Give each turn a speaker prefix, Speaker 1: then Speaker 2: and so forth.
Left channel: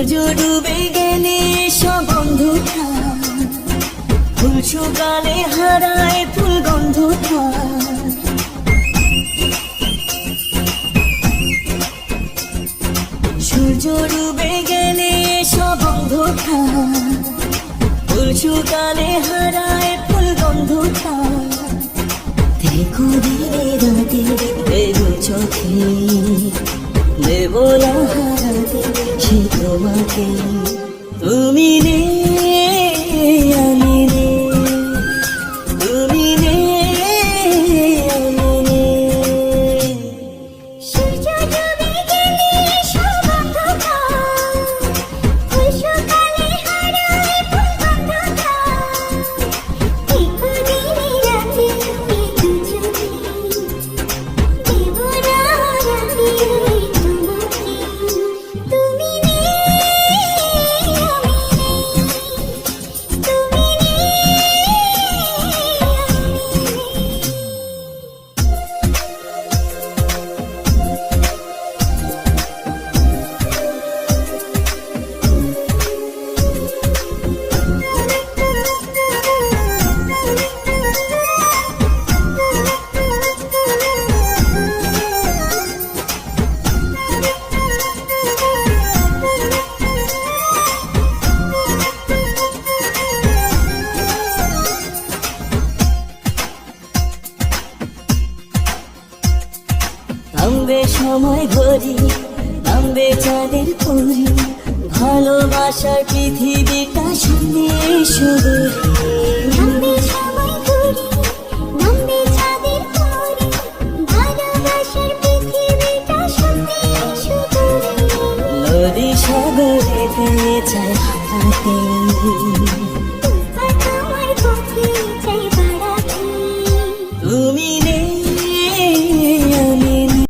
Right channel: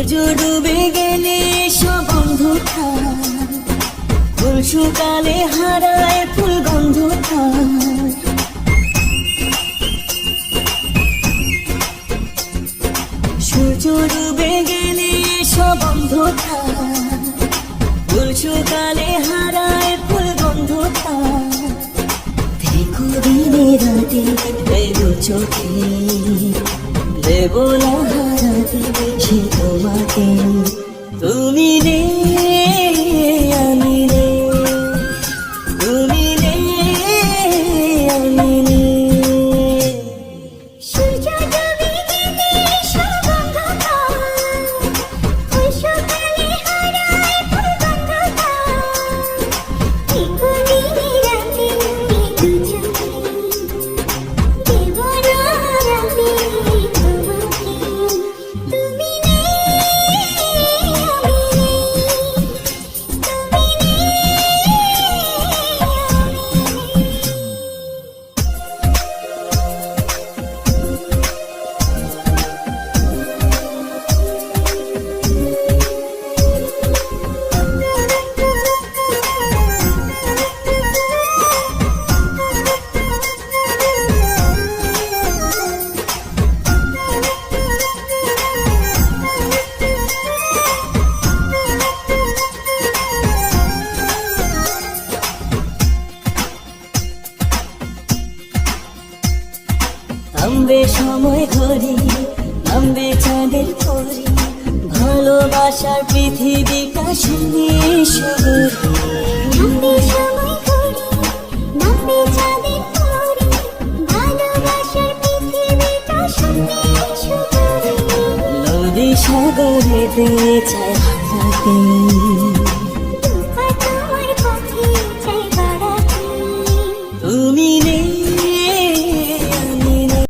Speaker 1: সূর্য ডুবে গেলে সব বন্ধুটা ফুল শুকালে হারায় ফুল গন্ধটা সূর্য ডুবে গেলে সব বন্ধুটা ফুল শুকালে হারায় থামবে সময় ঘড়ি থামবে চাঁদের পরি ভালোবাসার পৃথিবীটা শুনে শুনে। সাগরেতে
Speaker 2: চাই